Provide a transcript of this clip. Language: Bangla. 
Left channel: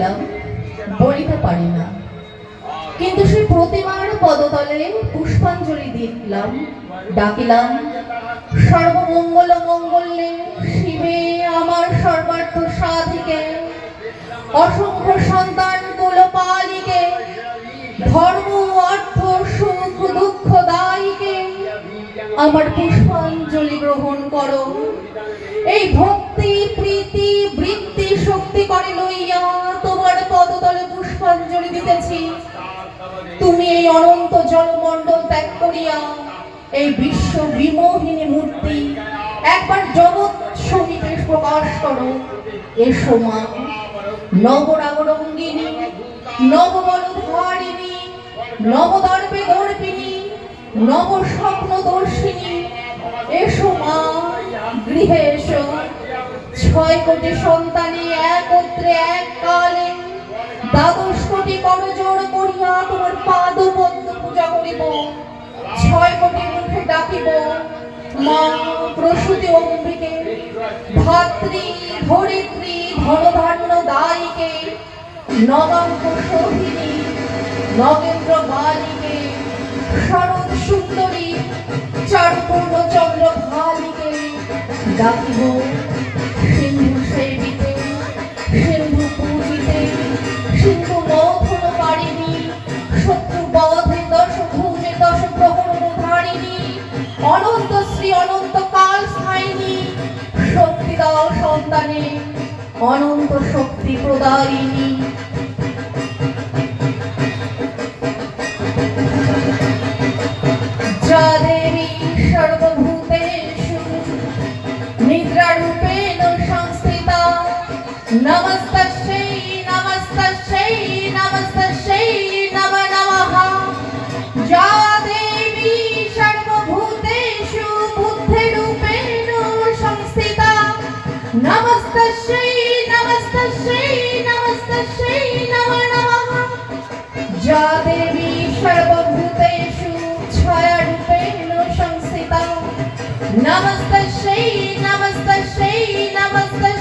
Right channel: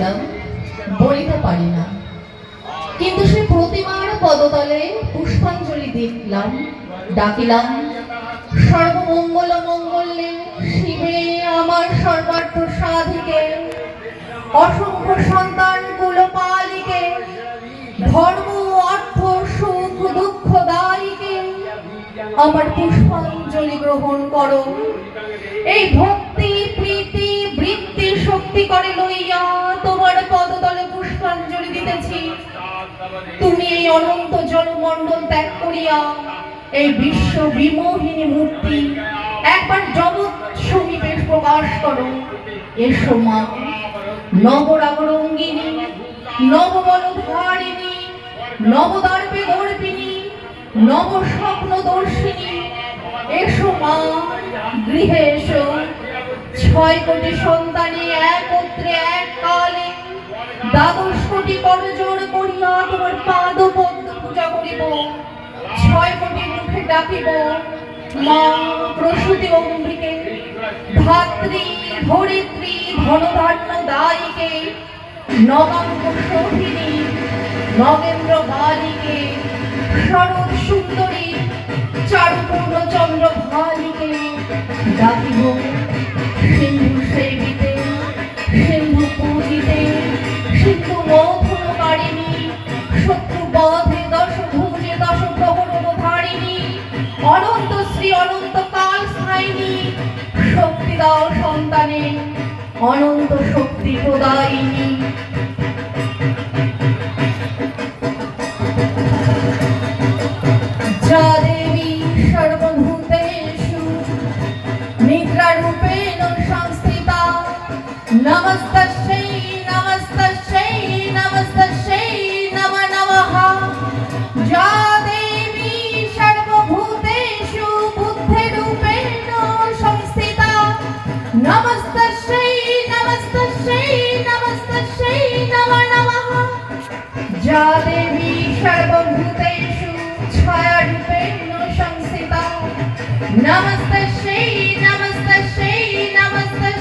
করিলাম বলিতে পারি না, কিন্তু সেই প্রতিমার পদতলে পুষ্পাঞ্জলি দিলাম, ডাকিলাম সর্বমঙ্গল মঙ্গলে শিবে আমার সর্বার্থ সাধিকে, অসংখ্য সন্তান কুলপালিকে, ধর্ম অর্থ সুখ দুঃখ দায়ীকে আমার পুষ্পাঞ্জলি গ্রহণ করো। এই ভক্তি প্রীতি বৃত্তি শক্তি করে লইয়া তোমার পদতলে পুষ্পাঞ্জলি দিতেছি। তুমি এই অনন্ত জলমণ্ডল ত্যাগ করিয়া এই বিশ্ব বিমোহিনী মূর্তি একবার জগৎ সমীপে প্রকাশ করো। এসো মা, নবরাগরঙ্গিনী, নববলধারিণী, নবদর্পে দর্পিনী, নব স্বপ্ন দর্শিনী, এসো মা, গৃহে এসো। 6 কোটি সন্তানে একত্রে এককালে 12 কোটি করজোড় করিয়া তোমার পাদ পদ্ম পূজা করিব। 6 কোটি মুখে ডাকিব মা প্রসূতি অম্বিকে, ধাত্রী ধরিত্রী ধনধান্য দায়ীকে, নবাঙ্গ সোহিনী নগেন্দ্র বালিকে, শরৎ সুন্দরী চারুপূর্ণ চন্দ্র ভালিকে ডাকিব। সিন্ধু সেবিতে, সিন্ধু পূজিতে, সিন্ধু মথুর কারিণী, শত্রু বধে দশ ভুজে দশ প্রহরণ ধারিণী, অনন্ত শ্রী অনন্ত কাল স্থায়িনী, শক্তি দাও সন্তানে, অনন্ত শক্তি প্রদায়িনী। যা দেবী সর্বভূতেষু নিদ্রারূপেণ সংস্থিতা, নমস্তস্যৈ নমস্তস্যৈ নমস্তস্যৈ নমো নমঃ। যা দেবী সর্বভূতেষু বুদ্ধিরূপেণ সংস্থিতা, নমস্তস্যৈ নমস্তস্যৈ নমস্তস্যৈ নমো নমঃ। যা দেবী সর্বভূতেষু ছায়ারূপেণ সংস্থিতা, নমস্তস্যৈ নমস্তস্যৈ নমস্তস্যৈ